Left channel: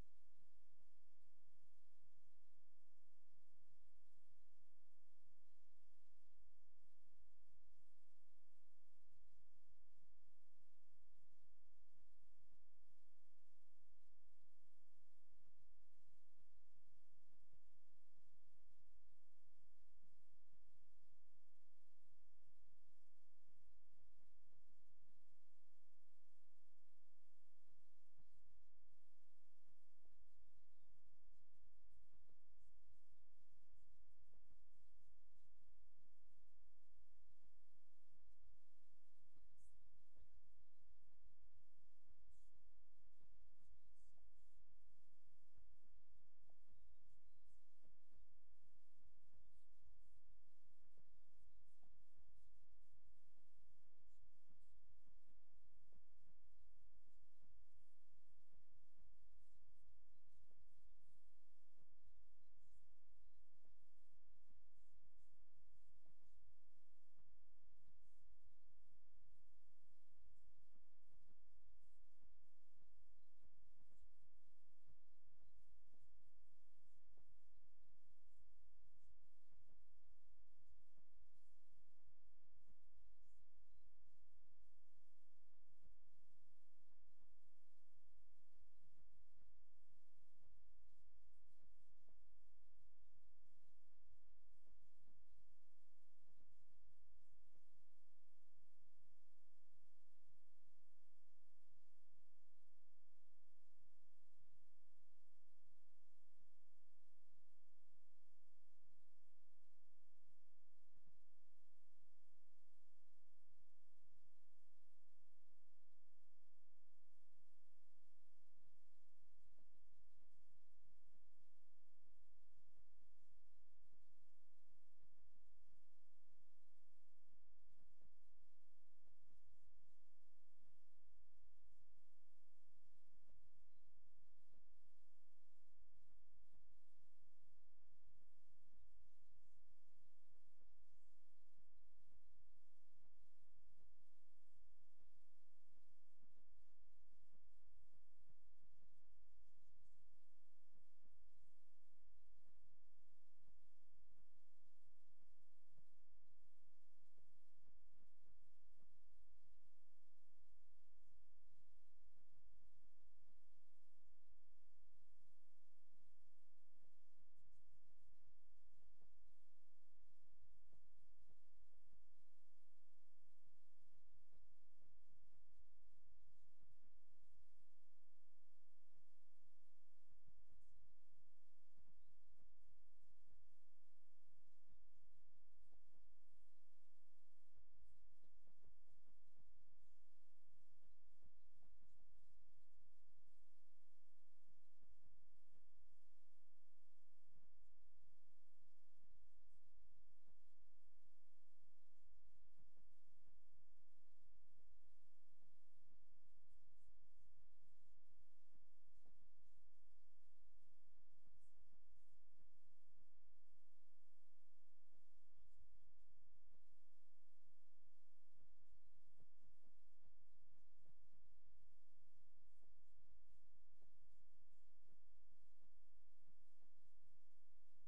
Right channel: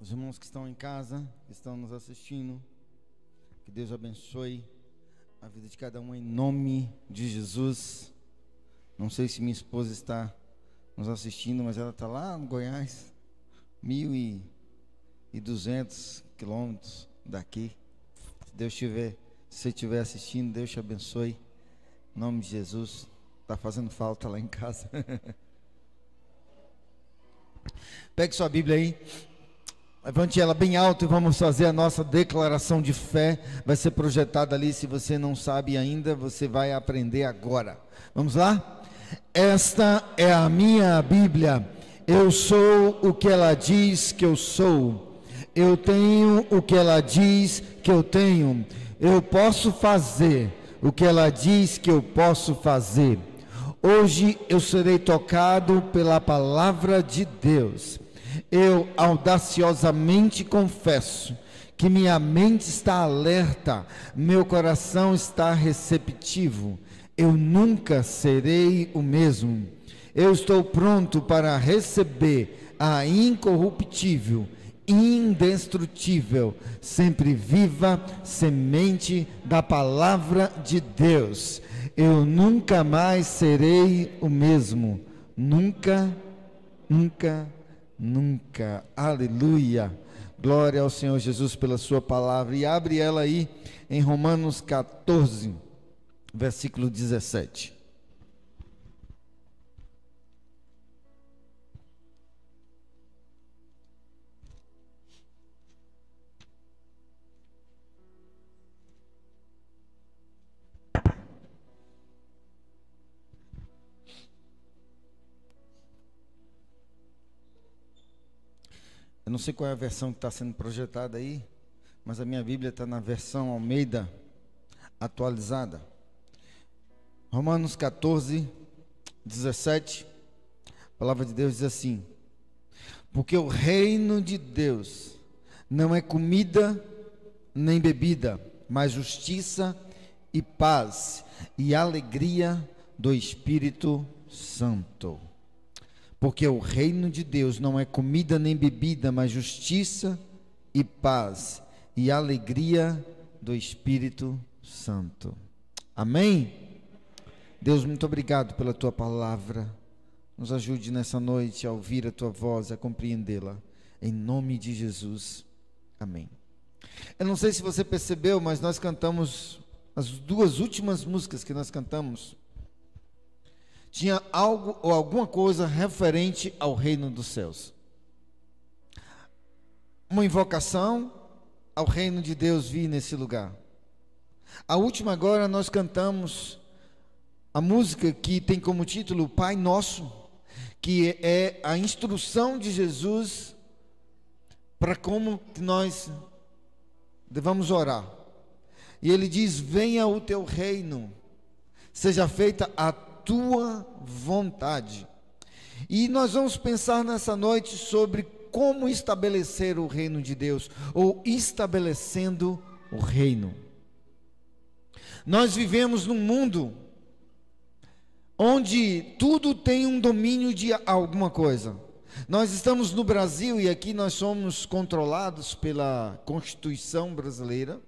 Os irmãos que estão em casa, que estão nos assistindo, que Deus abençoe a vida de cada um em nome de Jesus. Não sei se minha esposa está nos assistindo, mas ela está lá no Goiás, 1.200 quilômetros daqui. Se você estiver assistindo, Deus te abençoe, em nome de Jesus. Está fazendo falta lá em casa. Pegue sua Bíblia aí, levante ela bem alto e vamos fazer a nossa declaração de fé. Vai ser projetada ali. Se você não sabe ainda, você vai aprender agora. Vamos lá? Esta é a minha Bíblia. Eu sou o que ela diz que eu sou. Eu tenho o que ela diz que eu tenho. Eu posso fazer o que ela diz que eu posso fazer. Hoje eu serei tocado pela palavra de Deus. Eu audaciosamente confesso que minha mente está alerta, meu coração está receptivo. Eu nunca serei o mesmo. Eu estou pronto para receber a incorruptível, indestrutível, sempre viva semente da palavra de Deus. Eu nunca mais serei o mesmo. Nunca, nunca, nunca. Aleluia. Glória ao Senhor Jesus pela sua palavra. E abre ela aí em Romanos 14, versículo 17. Eu não sei qual é a versão que está sendo projetada aí, mas a minha Bíblia está na versão Almeida atualizada. Romanos 14, 17, a palavra de Deus diz assim: porque o reino de Deus não é comida nem bebida, mas justiça e paz e alegria do Espírito Santo. Porque o reino de Deus não é comida nem bebida, mas justiça e paz e alegria do Espírito Santo. Amém? Deus, muito obrigado pela tua palavra. Nos ajude nessa noite a ouvir a tua voz, a compreendê-la. Em nome de Jesus. Amém. Eu não sei se você percebeu, mas nós cantamos, as duas últimas músicas que nós cantamos, tinha algo ou alguma coisa referente ao reino dos céus. Uma invocação ao reino de Deus vir nesse lugar. A última agora nós cantamos a música que tem como título Pai Nosso, que é a instrução de Jesus para como nós devamos orar. E ele diz: venha o teu reino, seja feita a tua vontade. E nós vamos pensar nessa noite sobre como estabelecer o reino de Deus, ou estabelecendo o reino. Nós vivemos num mundo onde tudo tem um domínio de alguma coisa. Nós estamos no Brasil e aqui nós somos controlados pela Constituição brasileira.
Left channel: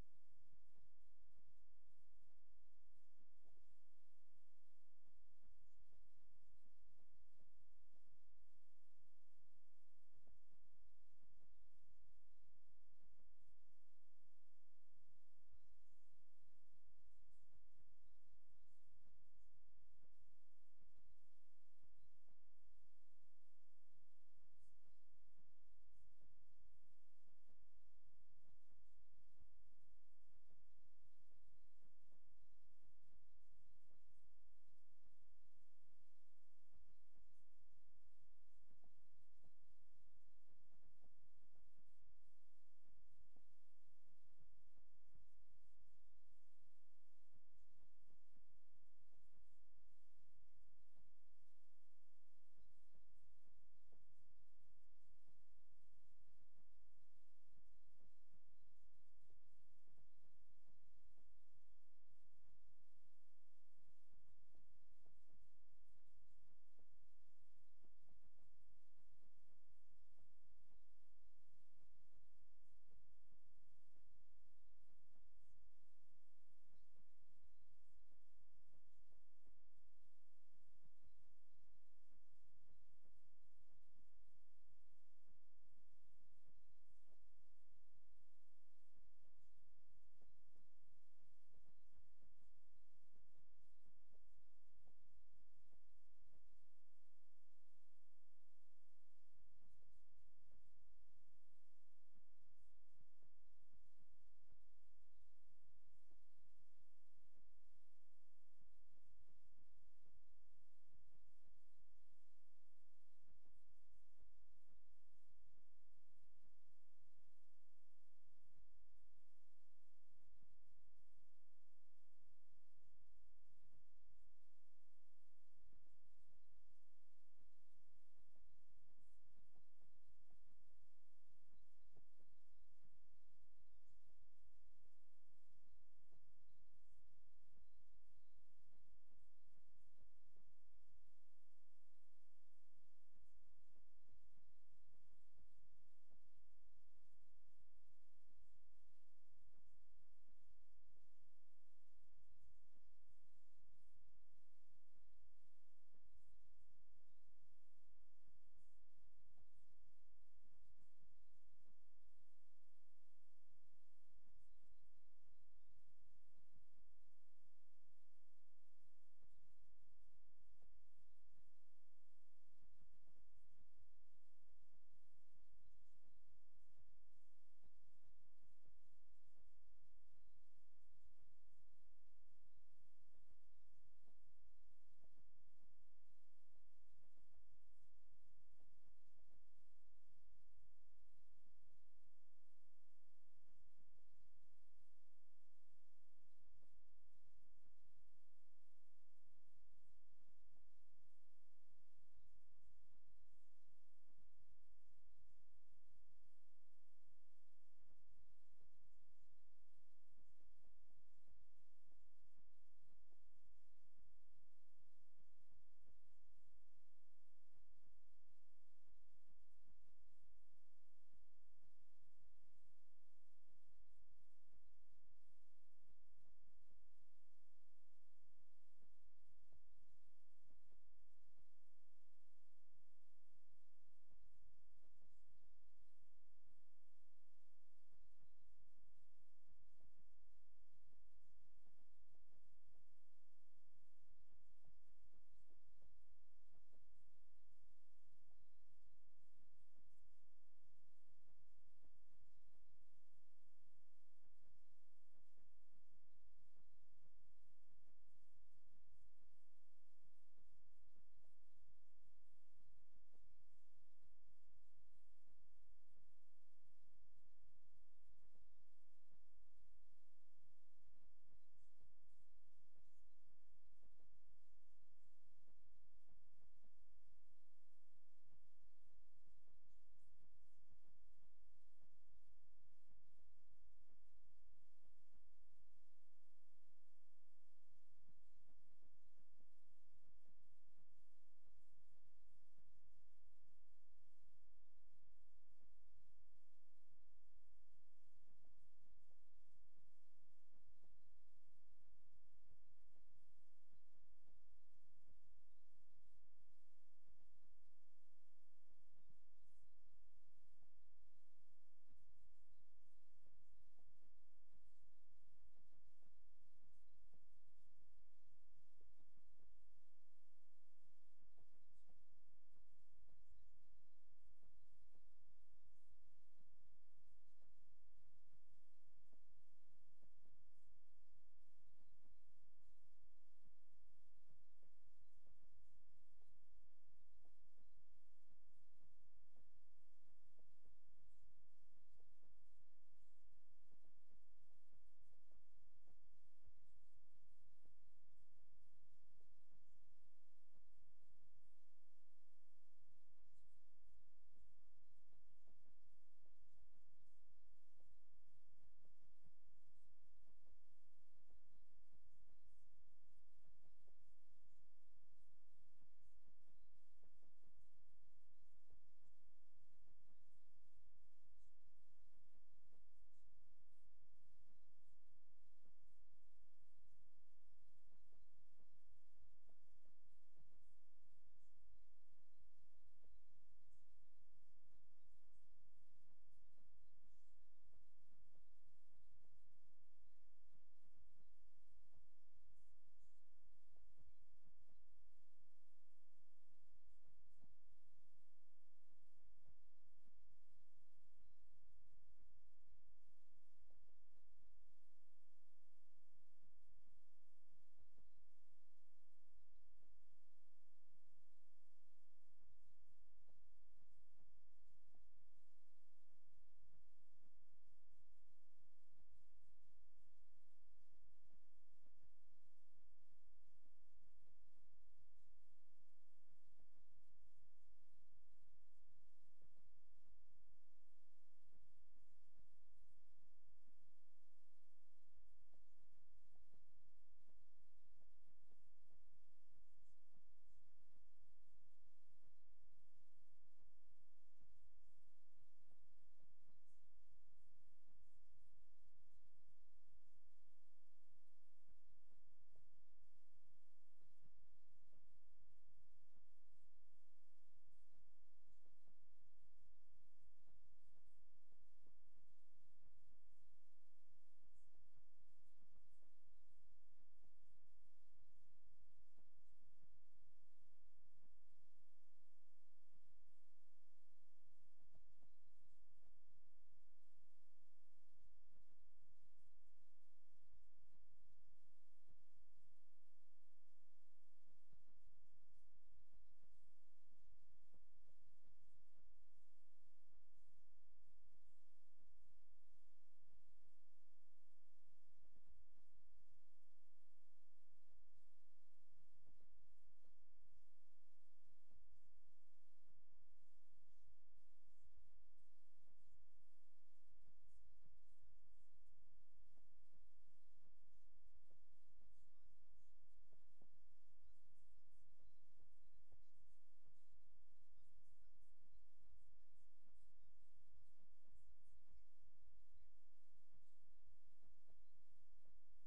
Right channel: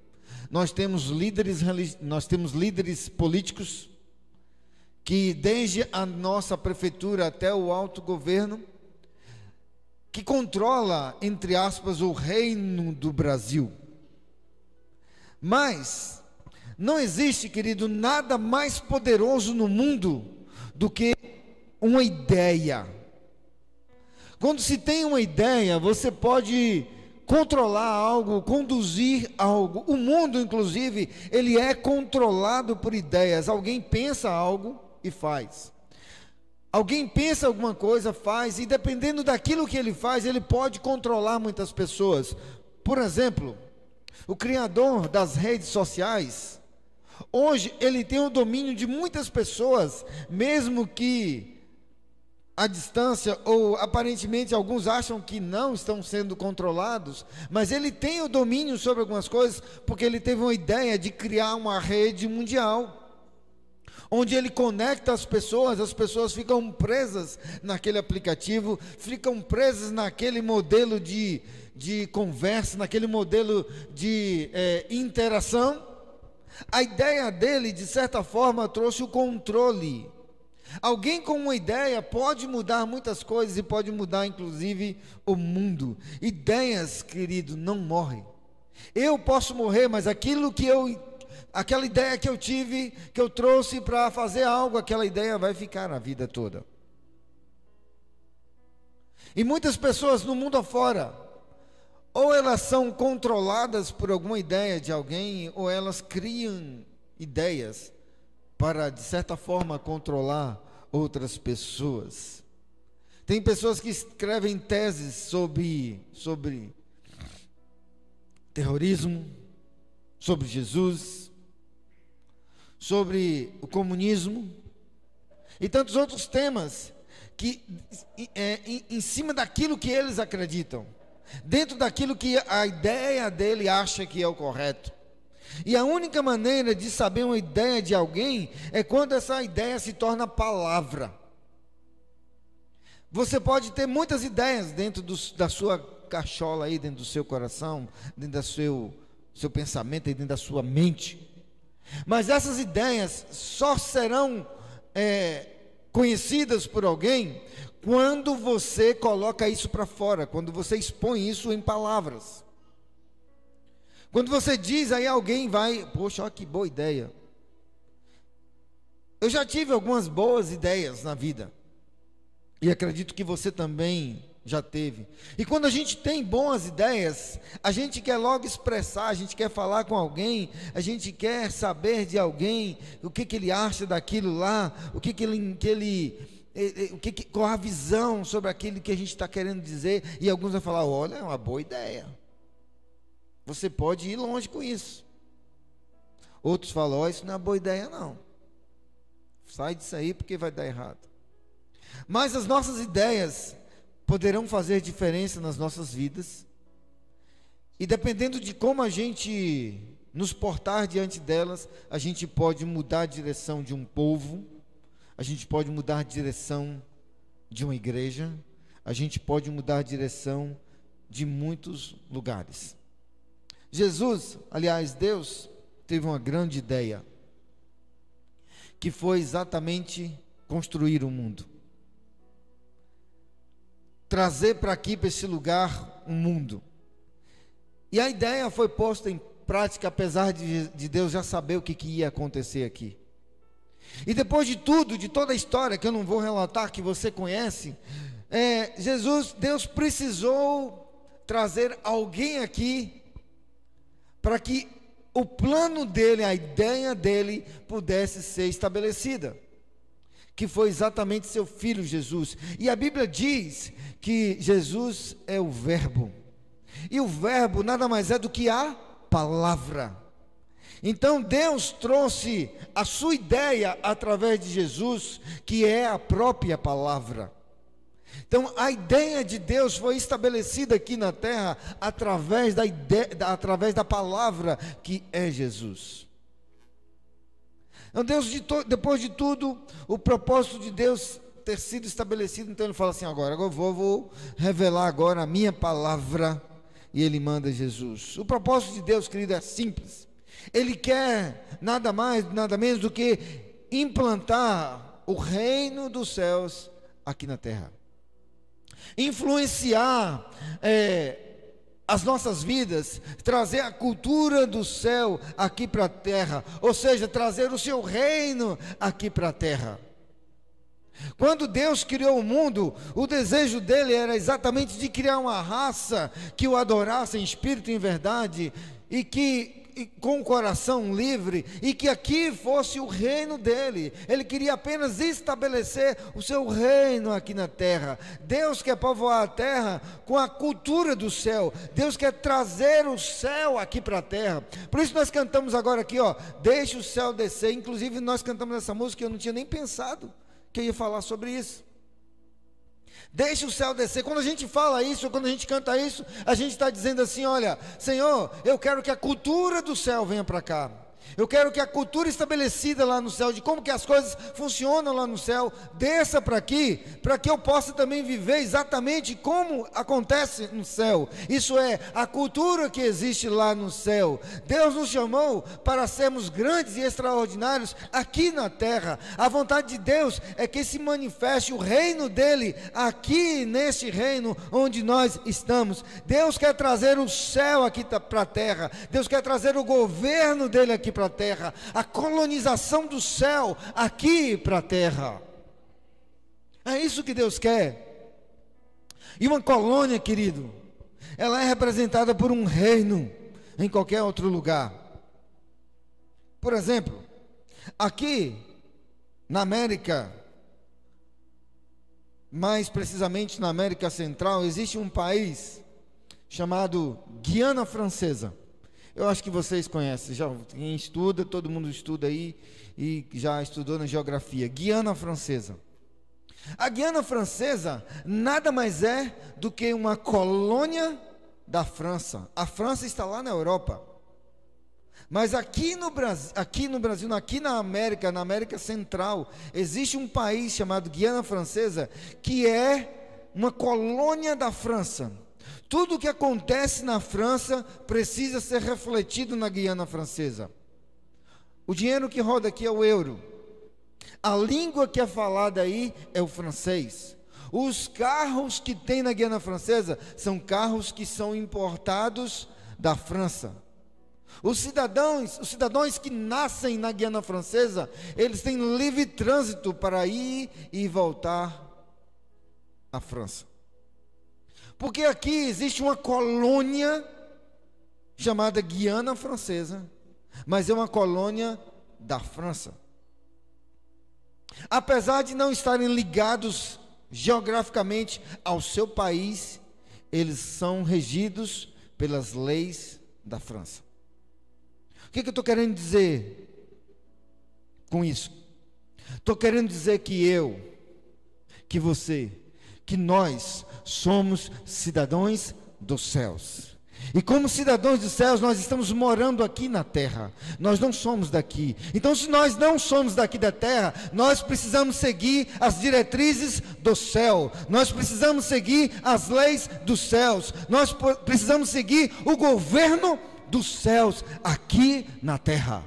Nós temos líderes políticos que desde a nossa prefeitura até o alto governo, que controla, entre aspas, o reino do Brasil. Mas não existe, querido, nada mais poderoso no mundo do que uma ideia. Quando se tem uma ideia, você pode controlar algo, conduzir algo. O mundo, inclusive, ele é controlado por ideias. Alguém pensa algo e faz. Alguém pensa alguma coisa, faz, e dependendo daquilo que ele faz, ele pode controlar muitas pessoas. Por exemplo, o criador das redes sociais, hoje ele tem o domínio de muitas pessoas, mesmo que à distância, ou aparentemente alguns acham que não estão sendo controlados, mas ele tem o domínio sobre algumas coisas, porque ele teve uma ideia de criar uma rede mundial. onde ele conecta as pessoas ficam presas naquele aplicativo, ficam presas naquele modelo de conversa, naquele modelo de interação. A ideia dele, de certa forma, trouxe o controle. Alguém com uma ideia pode mudar muitas coisas e pode mudar inclusive o mundo. Ideias, querido, não morrem. Eu posso morrer, mas aquela ideia que eu tive, que eu trouxe para fazer algo, aquela ideia vai ficar a vida toda. E muitas pessoas no mundo afora, ou elas são controladas por alguma ideia de alguém, ou elas criam ideias para, de certa forma, controlar outras pessoas. Tem pessoas que escrevem teses sobre terrorismo, sobre Jesus, sobre o comunismo e tantos outros temas que em cima daquilo que eles acreditam, dentro daquilo que a ideia dele acha que é o correto. E a única maneira de saber uma ideia de alguém é quando essa ideia se torna palavra. Você pode ter muitas ideias dentro da sua cachola aí, dentro do seu coração, dentro do seu pensamento, dentro da sua mente. Mas essas ideias só serão conhecidas por alguém quando você coloca isso para fora, quando você expõe isso em palavras. Quando você diz, aí alguém vai, poxa, olha que boa ideia. Eu já tive algumas boas ideias na vida, e acredito que você também já teve. E quando a gente tem boas ideias, a gente quer logo expressar, a gente quer falar com alguém, a gente quer saber de alguém, o que ele acha daquilo lá, qual a visão sobre aquilo que a gente está querendo dizer. E alguns vão falar, olha, é uma boa ideia, você pode ir longe com isso. Outros falam, oh, isso não é uma boa ideia não, sai disso aí porque vai dar errado. Mas as nossas ideias poderão fazer diferença nas nossas vidas, e dependendo de como a gente nos portar diante delas, a gente pode mudar a direção de um povo, a gente pode mudar a direção de uma igreja, a gente pode mudar a direção de muitos lugares. Jesus, aliás, Deus teve uma grande ideia, que foi exatamente construir o mundo. Trazer para aqui, para esse lugar, um mundo. E a ideia foi posta em prática, apesar de Deus já saber o que ia acontecer aqui. E depois de tudo, de toda a história, que eu não vou relatar, que você conhece, Deus precisou trazer alguém aqui, para que o plano dele, a ideia dele, pudesse ser estabelecida, que foi exatamente seu filho Jesus. E a Bíblia diz que Jesus é o verbo, e o verbo nada mais é do que a palavra. Então Deus trouxe a sua ideia através de Jesus, que é a própria palavra. Então a ideia de Deus foi estabelecida aqui na terra através da palavra, que é Jesus. Então Deus, depois de tudo, o propósito de Deus ter sido estabelecido, então ele fala assim, agora eu vou revelar agora a minha palavra, e ele manda Jesus. O propósito de Deus, querido, é simples. Ele quer nada mais, nada menos do que implantar o reino dos céus aqui na terra, influenciar as nossas vidas, trazer a cultura do céu aqui para a terra, ou seja, trazer o seu reino aqui para a terra. Quando Deus criou o mundo, o desejo dele era exatamente de criar uma raça que o adorasse em espírito e em verdade, e com o coração livre, e que aqui fosse o reino dele. Ele queria apenas estabelecer o seu reino aqui na terra. Deus quer povoar a terra com a cultura do céu. Deus quer trazer o céu aqui para a terra. Por isso nós cantamos agora aqui, ó, deixa o céu descer. Inclusive nós cantamos essa música, eu não tinha nem pensado que eu ia falar sobre isso. Deixa o céu descer. Quando a gente fala isso, quando a gente canta isso, a gente está dizendo assim, olha, Senhor, eu quero que a cultura do céu venha para cá. Eu quero que a cultura estabelecida lá no céu, de como que as coisas funcionam lá no céu, desça para aqui, para que eu possa também viver exatamente como acontece no céu. Isso é, a cultura que existe lá no céu. Deus nos chamou para sermos grandes e extraordinários aqui na terra. A vontade de Deus é que se manifeste o reino dele aqui neste reino onde nós estamos. Deus quer trazer o céu aqui para a terra. Deus quer trazer o governo dele aqui para a terra, a colonização do céu aqui para a terra. É isso que Deus quer. E uma colônia, querido, ela é representada por um reino em qualquer outro lugar. Por exemplo, aqui na América, mais precisamente na América Central, existe um país chamado Guiana Francesa. Eu acho que vocês conhecem, já quem estuda, todo mundo estuda aí e já estudou na geografia. Guiana Francesa. A Guiana Francesa nada mais é do que uma colônia da França. A França está lá na Europa. Mas aqui no Brasil, aqui na América Central, existe um país chamado Guiana Francesa, que é uma colônia da França. Tudo o que acontece na França precisa ser refletido na Guiana Francesa. O dinheiro que roda aqui é o euro. A língua que é falada aí é o francês. Os carros que tem na Guiana Francesa são carros que são importados da França. Os cidadãos que nascem na Guiana Francesa, eles têm livre trânsito para ir e voltar à França. Porque aqui existe uma colônia chamada Guiana Francesa, mas é uma colônia da França. Apesar de não estarem ligados geograficamente ao seu país, eles são regidos pelas leis da França. O que eu estou querendo dizer com isso? Estou querendo dizer que eu, que você, que nós somos cidadãos dos céus. E como cidadãos dos céus, nós estamos morando aqui na terra. Nós não somos daqui. Então, se nós não somos daqui da terra, nós precisamos seguir as diretrizes do céu. Nós precisamos seguir as leis dos céus. Nós precisamos seguir o governo dos céus aqui na terra.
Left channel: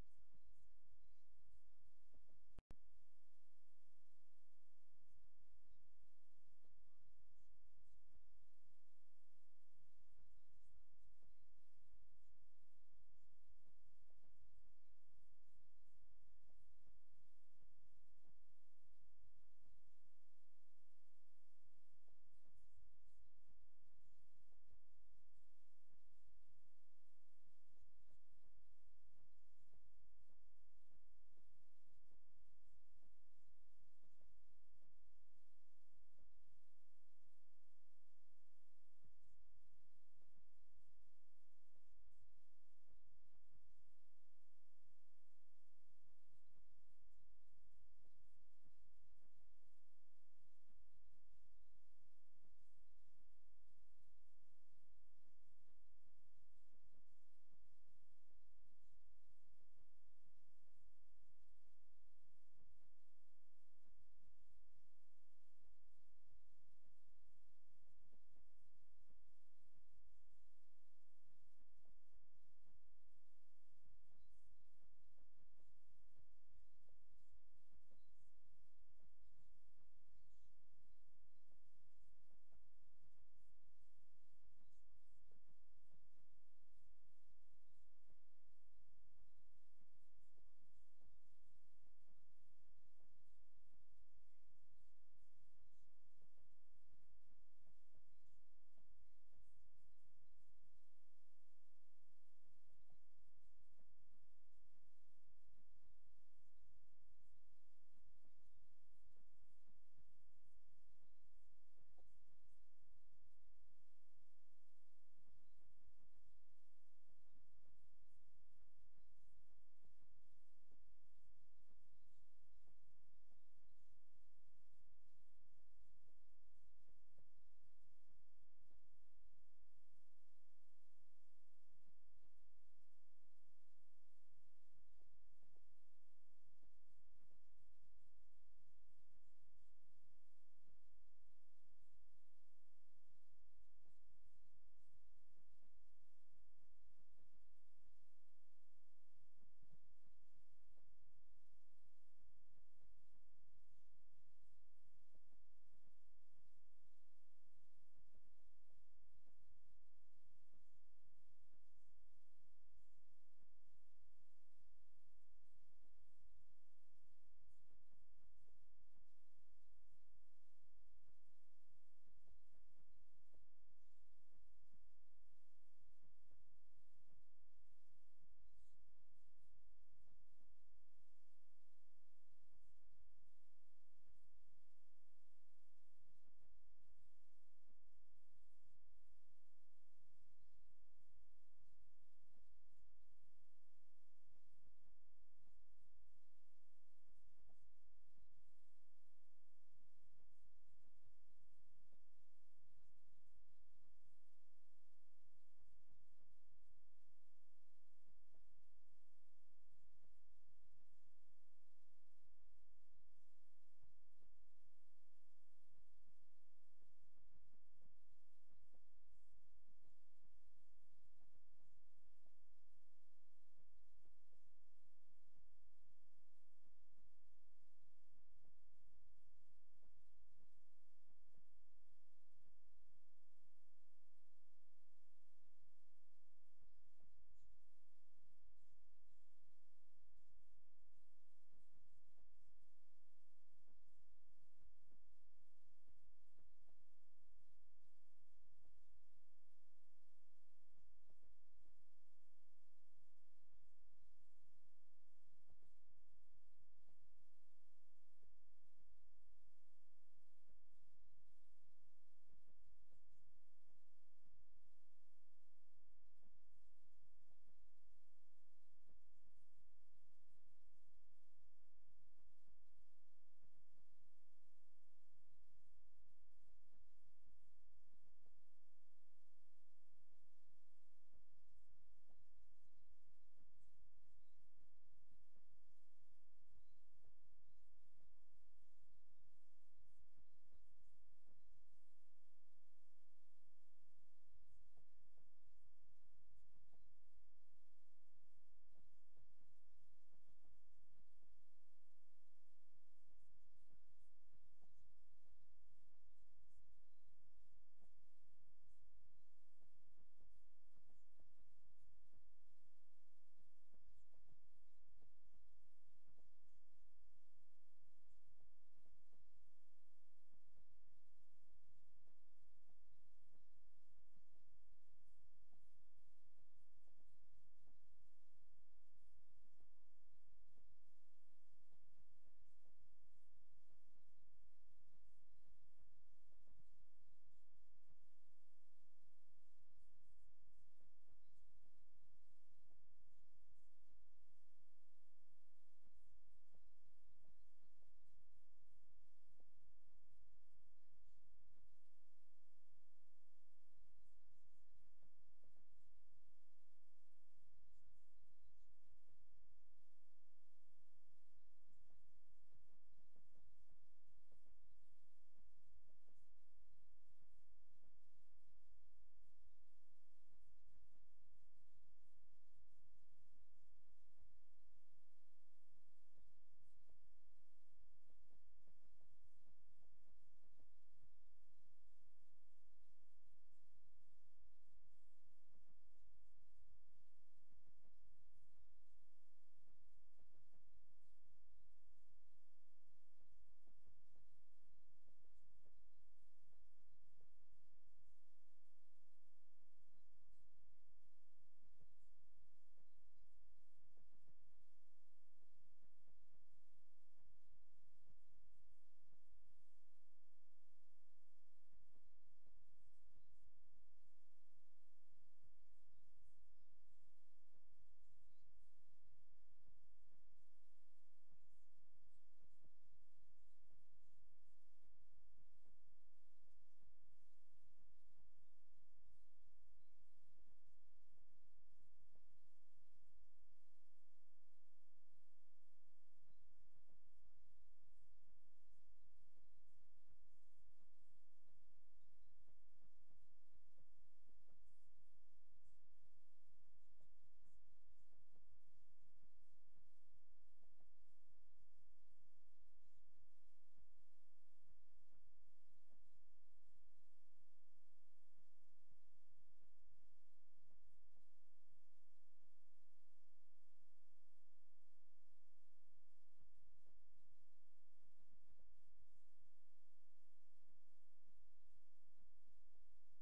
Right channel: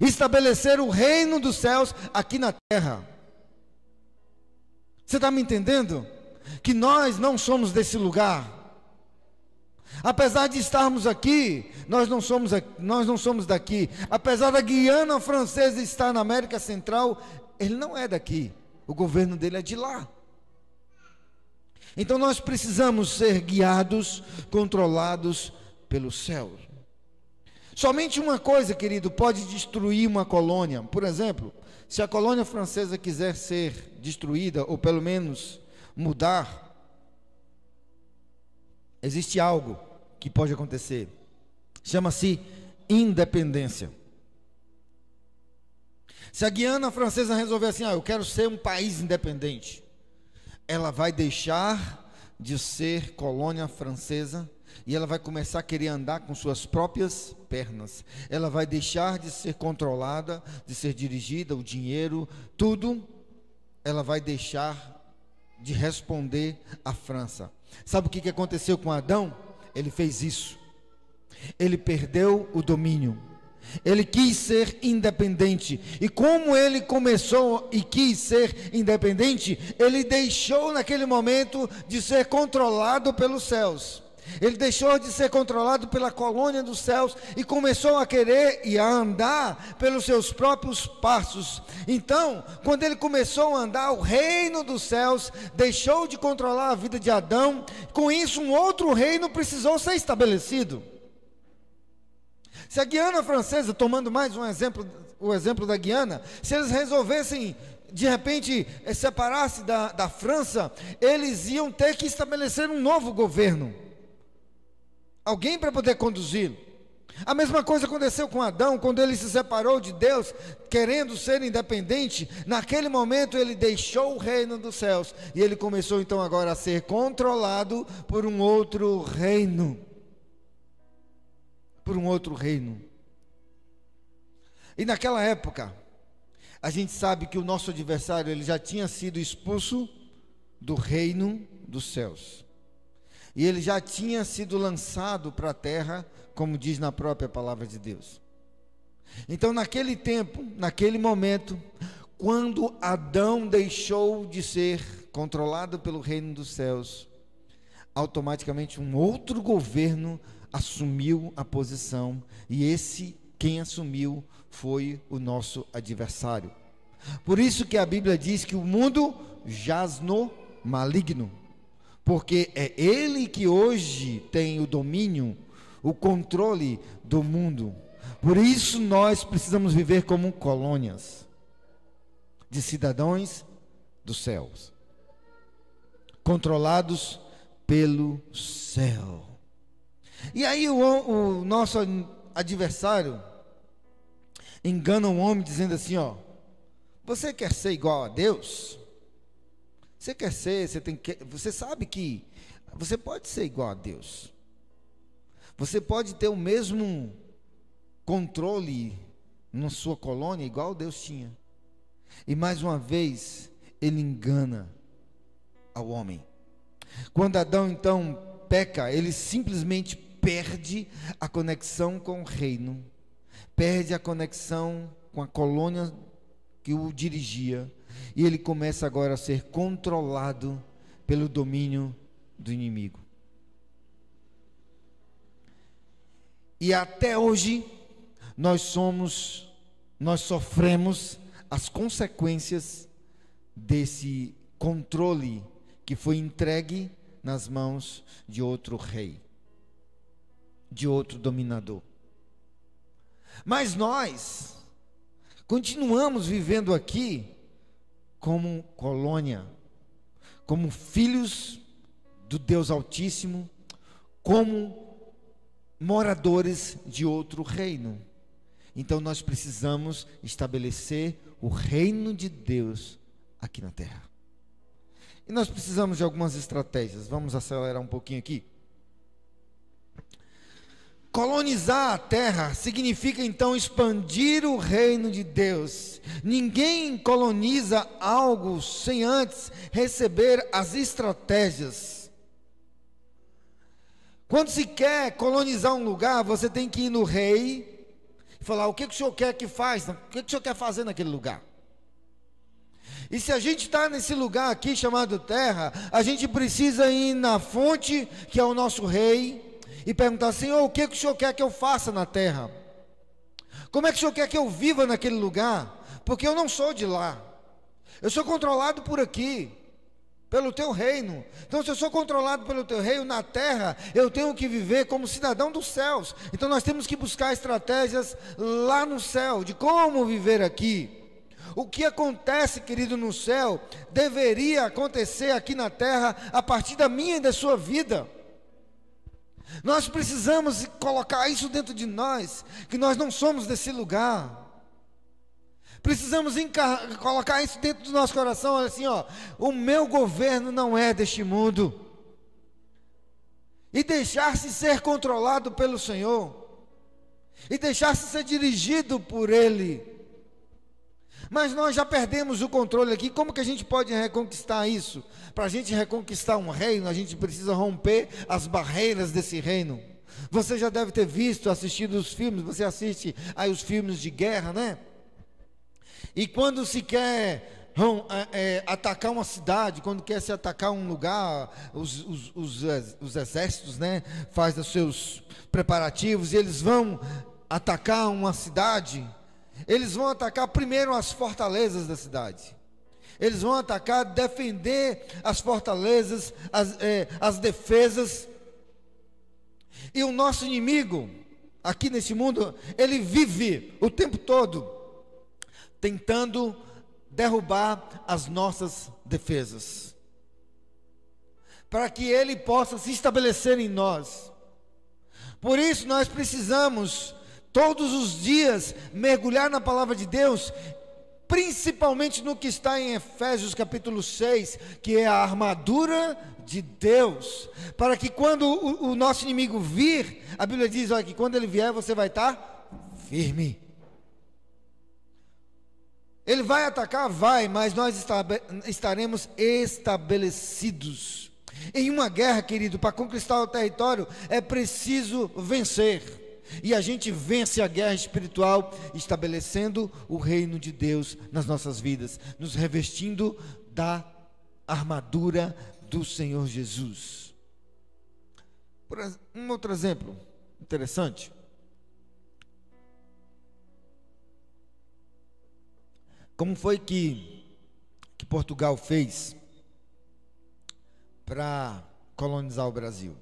Estabelecer o reino dos céus aqui na terra. Você está me entendendo? Que nós não somos desse lugar. Apesar de estarmos aqui, nós não somos daqui. Apesar da Guiana Francesa estar na América Central, ele não é daqui. O governo dele é de lá. Então nós precisamos ser guiados, controlados pelo céu. Somente uma coisa, querido, pode destruir uma colônia. Por exemplo, se a colônia francesa quiser ser destruída, ou pelo menos mudar, existe algo que pode acontecer. Chama-se independência. Se a Guiana Francesa resolver assim, eu quero ser um país independente, ela vai deixar de ser colônia francesa e ela vai começar a querer andar com suas próprias pernas. Ela vai deixar de ser controlada, de ser dirigida, o dinheiro, tudo, ela vai deixar de responder à França. Sabe o que aconteceu com Adão? Ele fez isso. Ele perdeu o domínio. Ele quis ser independente. E como ele começou e quis ser independente, ele deixou naquele momento de ser controlado pelos céus. Ele deixou de ser controlado pela colônia dos céus e começou a querer e a andar pelos seus próprios passos. Então, quando ele começou a andar, o reino dos céus deixou de controlar a vida de Adão. Com isso, um outro reino precisou ser estabelecido. Se a Guiana Francesa, tomando mais um exemplo, o exemplo da Guiana, se eles resolvessem de repente separar-se da França, eles iam ter que estabelecer um novo governo. Alguém para poder conduzi-lo. A mesma coisa aconteceu com Adão, quando ele se separou de Deus, querendo ser independente. Naquele momento ele deixou o reino dos céus, e ele começou então agora a ser controlado por um outro reino. Por um outro reino. E naquela época, a gente sabe que o nosso adversário, ele já tinha sido expulso do reino dos céus. E ele já tinha sido lançado para a terra, como diz na própria palavra de Deus. Então, naquele tempo, naquele momento, quando Adão deixou de ser controlado pelo reino dos céus, automaticamente um outro governo assumiu a posição, e quem assumiu foi o nosso adversário. Por isso que a Bíblia diz que o mundo jaz no maligno, porque é ele que hoje tem o domínio, o controle do mundo. Por isso nós precisamos viver como colônias de cidadãos dos céus, controlados pelo céu. E aí o nosso adversário engana o homem dizendo assim, ó: você quer ser igual a Deus? Você sabe que você pode ser igual a Deus. Você pode ter o mesmo controle na sua colônia igual Deus tinha. E mais uma vez ele engana ao homem. Quando Adão então peca, ele simplesmente perde a conexão com o reino, perde a conexão com a colônia que o dirigia, e ele começa agora a ser controlado pelo domínio do inimigo. E até hoje nós sofremos as consequências desse controle que foi entregue nas mãos de outro rei, de outro dominador. Mas nós continuamos vivendo aqui como colônia, como filhos do Deus Altíssimo, como moradores de outro reino. Então nós precisamos estabelecer o reino de Deus aqui na terra. E nós precisamos de algumas estratégias. Vamos acelerar um pouquinho aqui. Colonizar a terra significa então expandir o reino de Deus. Ninguém coloniza algo sem antes receber as estratégias. Quando se quer colonizar um lugar, você tem que ir no rei e falar: o que o senhor quer que faça? O que o senhor quer fazer naquele lugar? E se a gente está nesse lugar aqui chamado terra, a gente precisa ir na fonte, que é o nosso rei, e perguntar: Senhor, o que o senhor quer que eu faça na terra? Como é que o senhor quer que eu viva naquele lugar? Porque eu não sou de lá, eu sou controlado por aqui, pelo teu reino. Então, se eu sou controlado pelo teu reino na terra, eu tenho que viver como cidadão dos céus. Então nós temos que buscar estratégias lá no céu, de como viver aqui. O que acontece, querido, no céu, deveria acontecer aqui na terra, a partir da minha e da sua vida. Nós precisamos colocar isso dentro de nós, que nós não somos desse lugar. Precisamos colocar isso dentro do nosso coração, assim, ó: o meu governo não é deste mundo. E deixar-se ser controlado pelo Senhor, e deixar-se ser dirigido por Ele. Mas nós já perdemos o controle aqui. Como que a gente pode reconquistar isso? Para a gente reconquistar um reino, a gente precisa romper as barreiras desse reino. Você já deve ter visto, assistido os filmes. Você assiste aí os filmes de guerra, né? E quando se quer atacar uma cidade, quando quer se atacar um lugar, os exércitos, né, fazem os seus preparativos, e eles vão atacar uma cidade. Eles vão atacar primeiro as fortalezas da cidade. Eles vão atacar, defender as fortalezas, as defesas. E o nosso inimigo, aqui nesse mundo, ele vive o tempo todo tentando derrubar as nossas defesas, para que ele possa se estabelecer em nós. Por isso nós precisamos todos os dias mergulhar na palavra de Deus, principalmente no que está em Efésios capítulo 6, que é a armadura de Deus, para que quando o nosso inimigo vir, a Bíblia diz, olha, que quando ele vier você vai estar firme. Ele vai atacar? Vai, mas nós estaremos estabelecidos. Em uma guerra, querido, para conquistar o território, é preciso vencer. E a gente vence a guerra espiritual, estabelecendo o reino de Deus nas nossas vidas, nos revestindo da armadura do Senhor Jesus. Um outro exemplo interessante. Como foi que Portugal fez para colonizar o Brasil?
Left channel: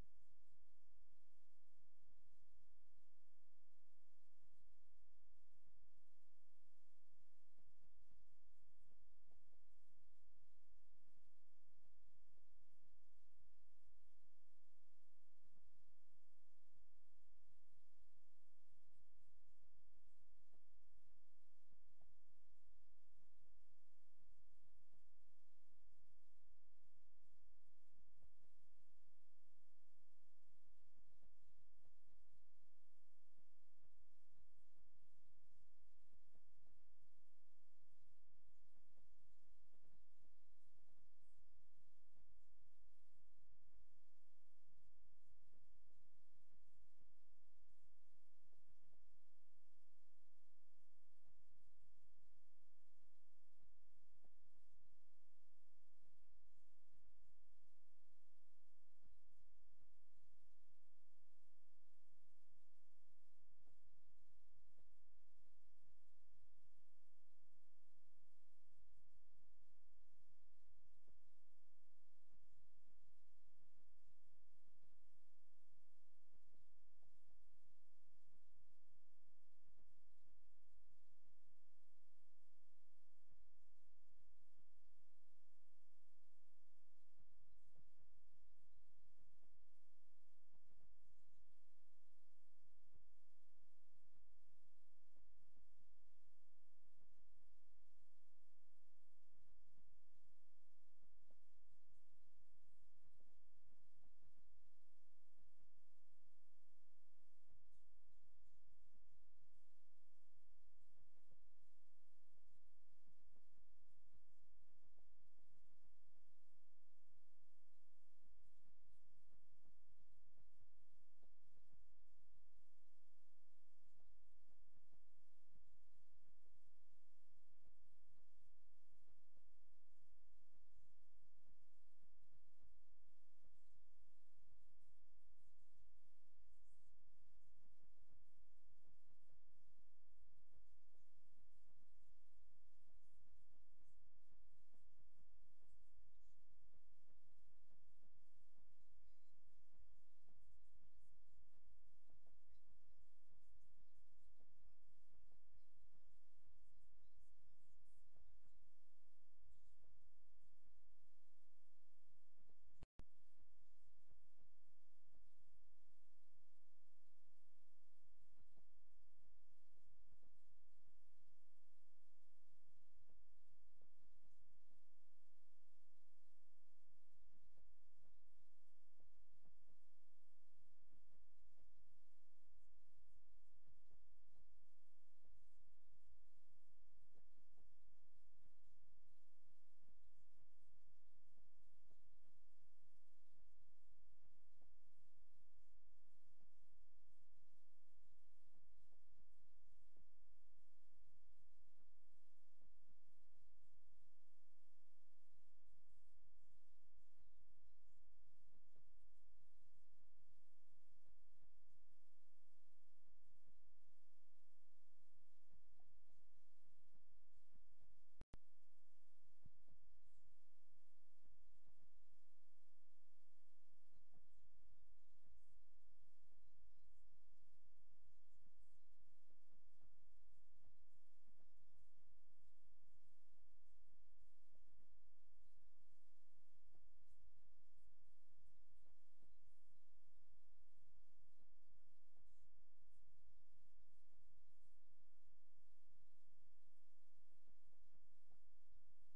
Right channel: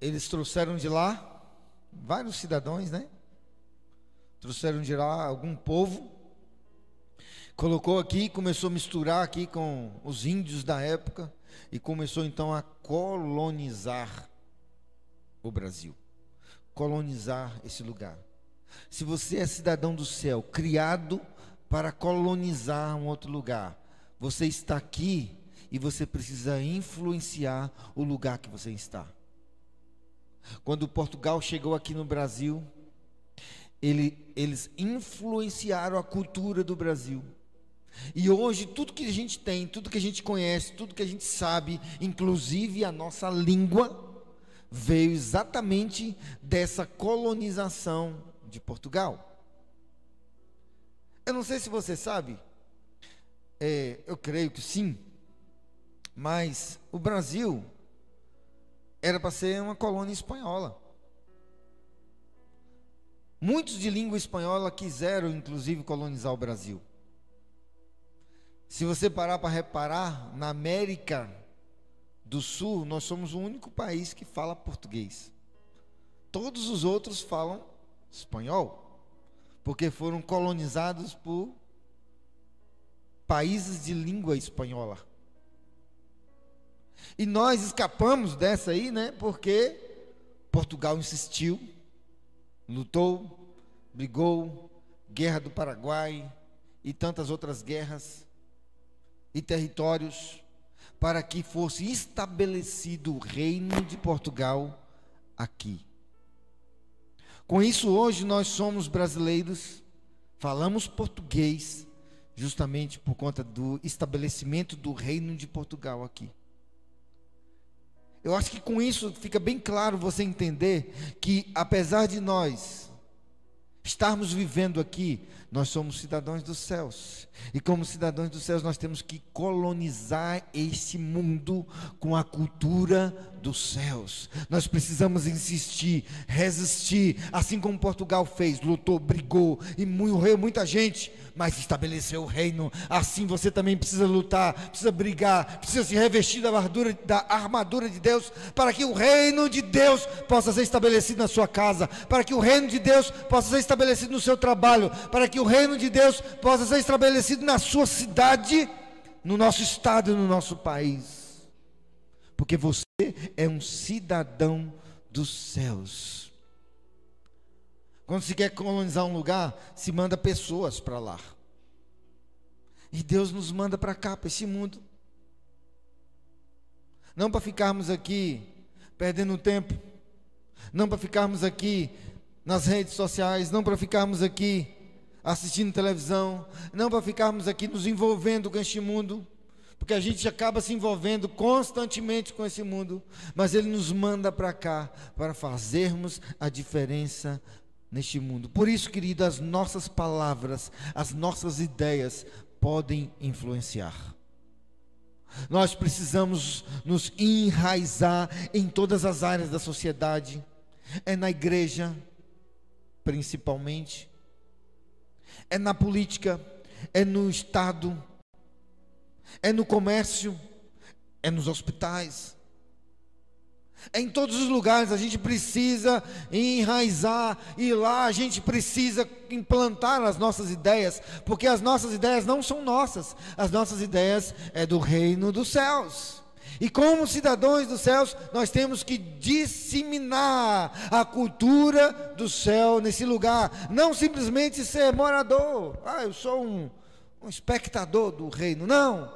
Eles trouxeram de lá vários cidadãos, né? Trouxeram de lá algum povo, colocou aqui, começou a misturar aqui com os índios da época e começou então a colonizar o Brasil, colonizar esse lugar. Se você é cidadão do céu, criado para colonizar um outro lugar, você está aqui e você precisa influenciar o lugar que você está. Quando Portugal chegou aqui no Brasil, eles influenciaram a cultura do Brasil. E hoje tudo que a gente tem, tudo que a gente conhece, tudo que a gente sabe, inclusive a nossa língua, veio exatamente dessa colonização de Portugal. Eu não sei se você sabe, eu creio que sim, mas o Brasil era para ser uma colônia espanhola. Muitos de língua espanhola quiseram, inclusive, colonizar o Brasil. Se você parar para reparar, na América do Sul, nós somos o único país que fala português. Todos os outros falam espanhol, porque foram colonizados por países de língua espanhola. E nós escapamos dessa aí, né? Porque Portugal insistiu, lutou, brigou, Guerra do Paraguai e tantas outras guerras e territórios, para que fosse estabelecido o reino de Portugal aqui. Com isso, hoje nós somos brasileiros, falamos português, justamente por conta do estabelecimento do reino de Portugal aqui. Eu acho que com isso fica bem claro você entender que, apesar de nós estarmos vivendo aqui, nós somos cidadãos dos céus. E como cidadãos dos céus, nós temos que colonizar esse mundo com a cultura dos céus. Nós precisamos insistir, resistir, assim como Portugal fez, lutou, brigou e morreu muita gente, mas estabeleceu o reino. Assim você também precisa lutar, precisa brigar, precisa se revestir da armadura de Deus, para que o reino de Deus possa ser estabelecido na sua casa, para que o reino de Deus possa ser estabelecido no seu trabalho, para que o reino de Deus possa ser estabelecido na sua cidade, no nosso estado e no nosso país. Porque você é um cidadão dos céus. Quando se quer colonizar um lugar, se manda pessoas para lá. E Deus nos manda para cá, para esse mundo. Não para ficarmos aqui perdendo tempo, não para ficarmos aqui nas redes sociais, não para ficarmos aqui assistindo televisão, não para ficarmos aqui nos envolvendo com este mundo, porque a gente acaba se envolvendo constantemente com esse mundo, mas Ele nos manda para cá, para fazermos a diferença neste mundo. Por isso, querido, as nossas palavras, as nossas ideias podem influenciar. Nós precisamos nos enraizar em todas as áreas da sociedade, é na igreja, principalmente, é na política, é no Estado, é no comércio, é nos hospitais, é em todos os lugares. A gente precisa enraizar, e lá a gente precisa implantar as nossas ideias, porque as nossas ideias não são nossas, as nossas ideias é do reino dos céus. E como cidadãos dos céus, nós temos que disseminar a cultura do céu nesse lugar, não simplesmente ser morador, eu sou um espectador do reino, não.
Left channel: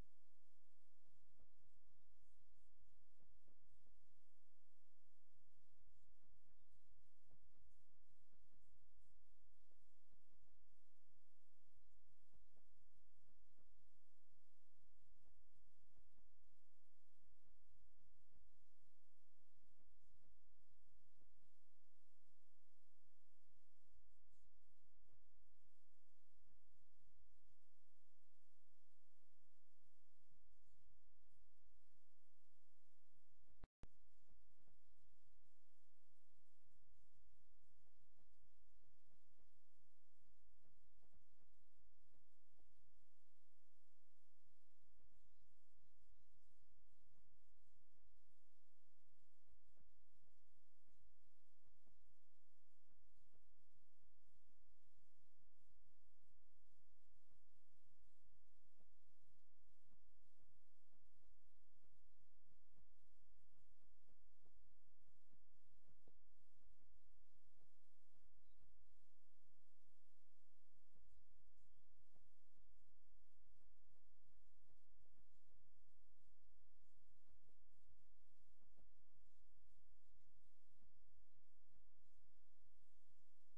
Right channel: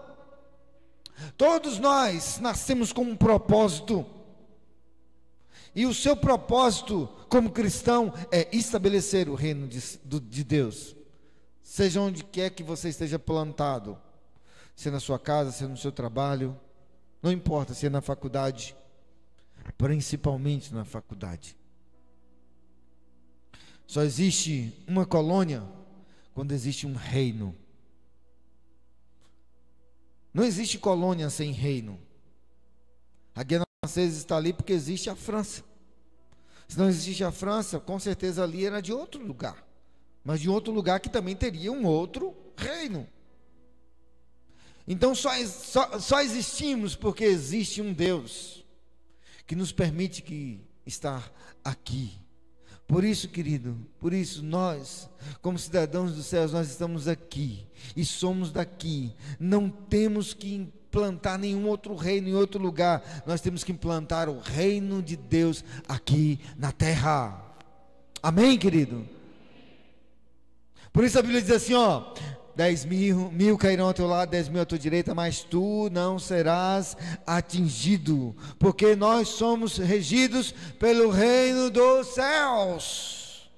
Todos nós nascemos com um propósito, e o seu propósito como cristão é estabelecer o reino de Deus. seja onde quer que você esteja plantado, se é na sua casa, se é no seu trabalho, não importa se é na faculdade, principalmente na faculdade. Só existe uma colônia quando existe um reino. Não existe colônia sem reino. A Guiana Francesa está ali porque existe a França. Se não existe a França, com certeza ali era de outro lugar, mas de outro lugar que também teria um outro reino. Então só existimos porque existe um Deus que nos permite estar aqui. Por isso, querido, por isso nós, como cidadãos dos céus, nós estamos aqui e somos daqui. Não temos que implantar nenhum outro reino em outro lugar. Nós temos que implantar o reino de Deus aqui na terra. Amém, querido? Por isso a Bíblia diz assim, 10.000 cairão ao teu lado, 10.000 à tua direita, mas tu não serás atingido, porque nós somos regidos pelo reino dos céus.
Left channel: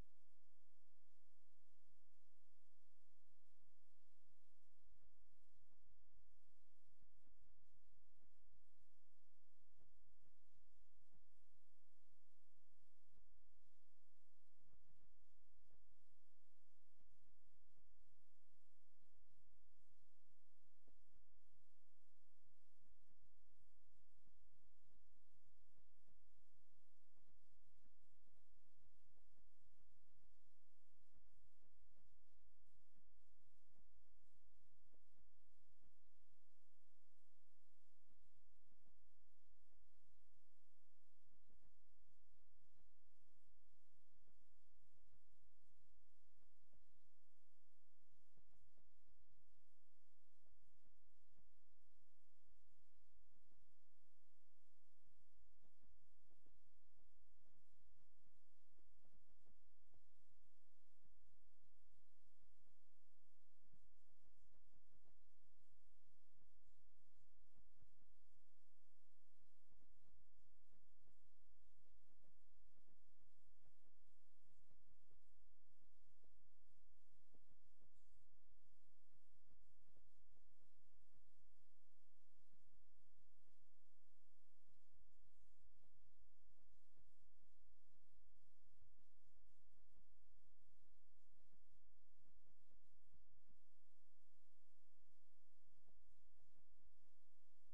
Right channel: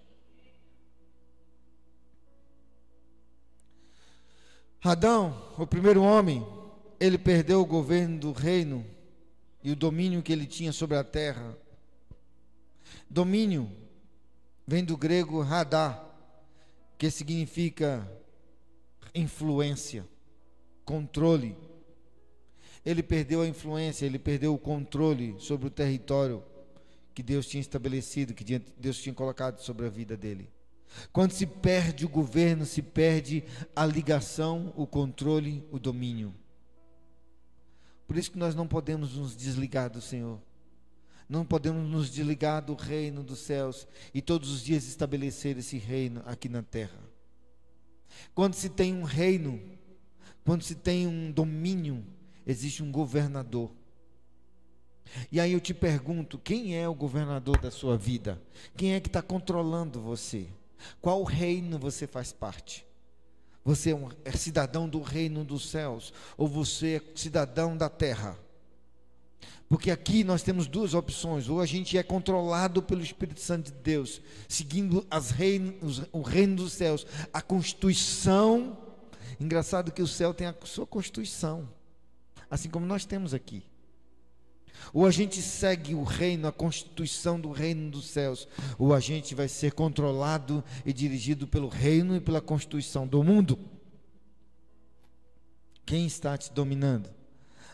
Adão, o primeiro homem, ele perdeu o governo do reino e o domínio que ele tinha sobre a terra. Domínio vem do grego radá, que significa influência, controle. Ele perdeu a influência, ele perdeu o controle sobre o território que Deus tinha estabelecido, que Deus tinha colocado sobre a vida dele. Quando se perde o governo, se perde a ligação, o controle, o domínio. Por isso que nós não podemos nos desligar do Senhor. Não podemos nos desligar do reino dos céus e todos os dias estabelecer esse reino aqui na terra. Quando se tem um reino, quando se tem um domínio, existe um governador. E aí eu te pergunto, quem é o governador da sua vida? Quem é que está controlando você? Qual reino você faz parte? Você é cidadão do reino dos céus, ou você é cidadão da terra? Porque aqui nós temos duas opções: ou a gente é controlado pelo Espírito Santo de Deus, seguindo o reino dos céus, a Constituição. Engraçado que o céu tem a sua Constituição, assim como nós temos aqui. Ou a gente segue o reino, a Constituição do reino dos céus, ou a gente vai ser controlado e dirigido pelo reino e pela Constituição do mundo. Quem está te dominando?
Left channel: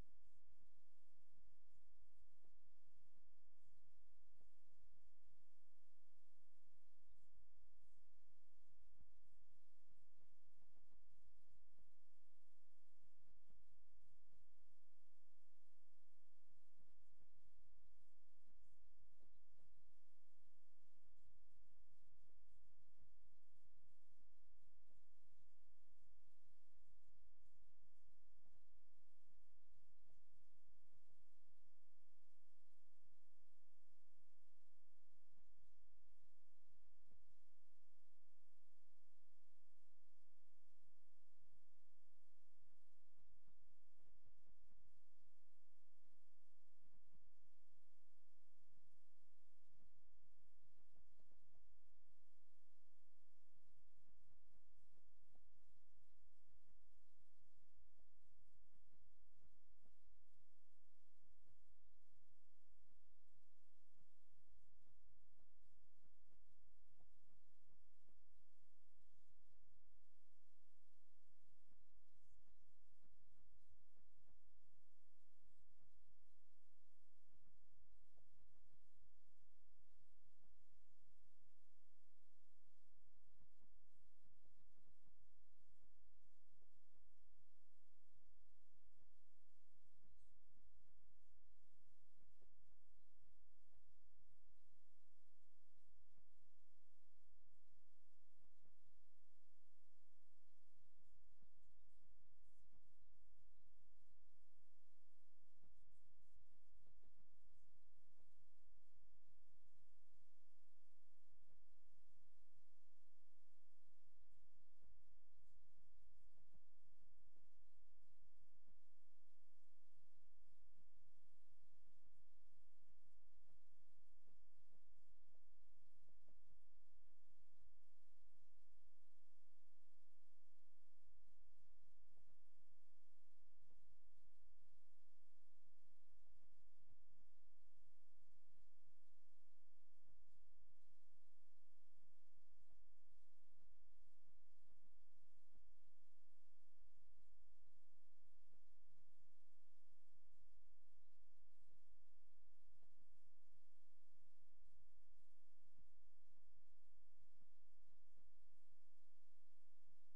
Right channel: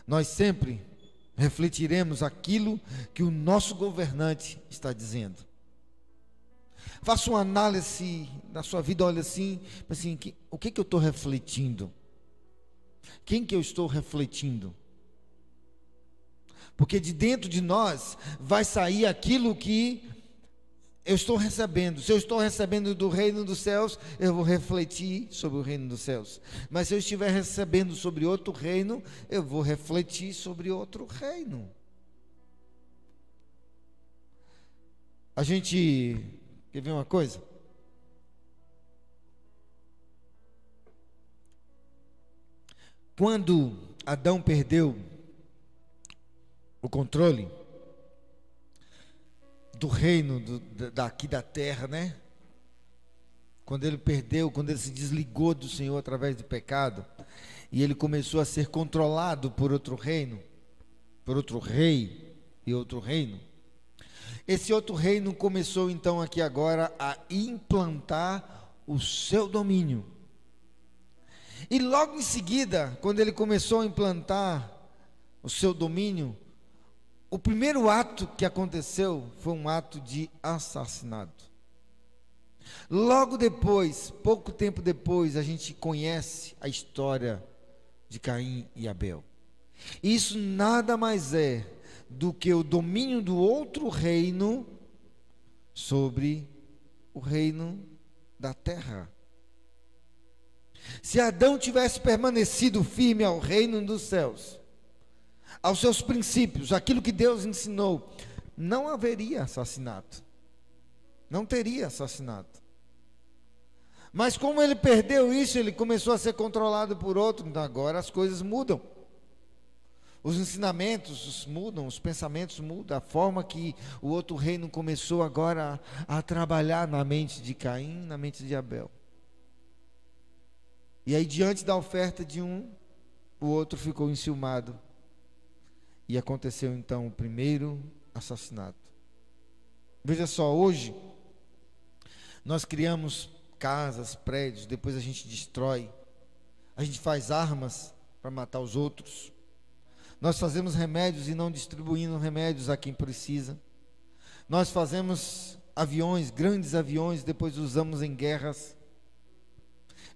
Nós sempre refletiremos aquilo que o nosso governante está dizendo. Faça uma análise da sua vida, olha assim, o que eu estou refletindo? Quem que eu estou refletindo? Porque de dentro de nós vai sair aquilo que eu estou recebendo. Se eu estou recebendo do reino dos céus, eu vou refletir sobre o reino dos céus. Mas se eu estiver recebendo sobre outro reino, eu vou refletir sobre outro reino. A gente quer ver uma coisa? Quando Adão perdeu o controle do reino daqui da terra, né? Quando ele se desligou do Senhor através do pecado, e ele começou a ser controlado por outro reino, por outro rei e outro reino. Esse outro reino começou então aqui agora a implantar o seu domínio. E logo em seguida, quando ele começou a implantar o seu domínio, o primeiro ato que aconteceu foi um ato de assassinato. Logo depois, pouco tempo depois, a gente conhece a história de Caim e Abel. Isso nada mais é do que o domínio do outro reino sobre o reino da terra. Se Adão tivesse permanecido firme ao reino dos céus, aos seus princípios, aquilo que Deus ensinou, não haveria assassinato, não teria assassinato. Mas como ele perdeu isso, ele começou a ser controlado por outro. Então agora as coisas mudam, os ensinamentos mudam, os pensamentos mudam, a forma que o outro reino começou agora a trabalhar na mente de Caim, na mente de Abel. E aí, diante da oferta de um, o outro ficou enciumado. E aconteceu então o primeiro assassinato. Veja só, hoje nós criamos casas, prédios, depois a gente destrói. A gente faz armas para matar os outros. Nós fazemos remédios e não distribuímos remédios a quem precisa. Nós fazemos aviões, grandes aviões, depois usamos em guerras.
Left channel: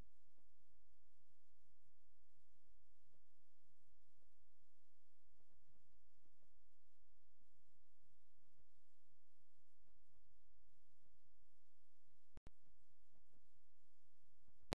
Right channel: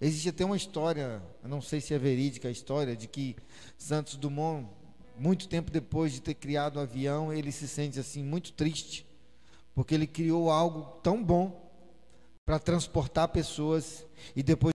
Existe até uma história, eu não sei se é verídica a história, de que Santos Dumont, muito tempo depois de ter criado o avião, ele se sente assim muito triste, porque ele criou algo tão bom para transportar pessoas e depois